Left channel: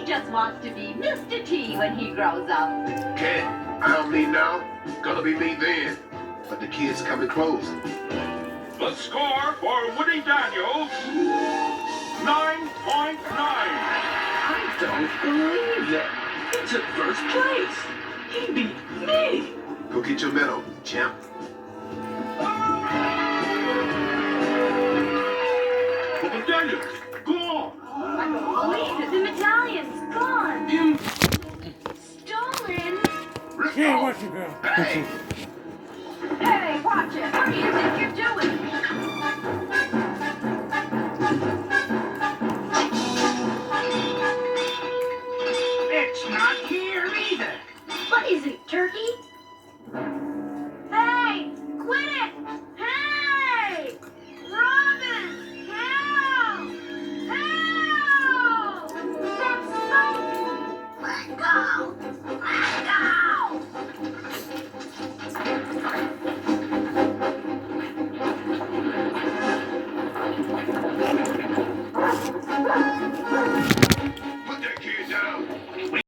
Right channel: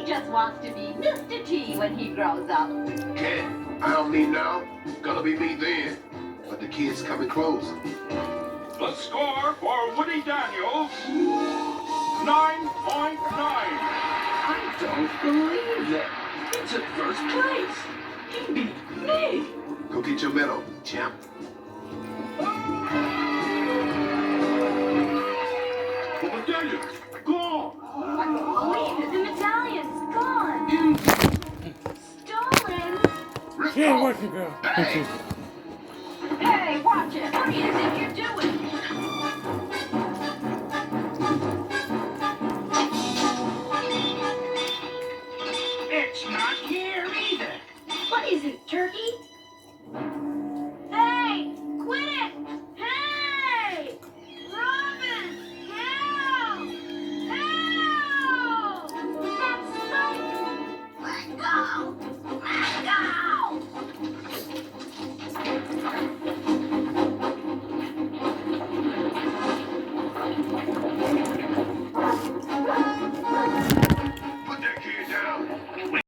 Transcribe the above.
He just wants to be Mr. T when he grows up. Cat, I don't mean now. Gonna be me then. But the kid's coming close. The score for Woody Daniels, 9.9. I don't believe it. He took first place. He beat me. Go get your medal, champ. Woody Daniels, go on. I can't believe it. The medallion's gone. Stolen. Yeah, watch it go. Bang. Hey, watch it. What do you think you're doing? It's not here either. But isn't Turkey?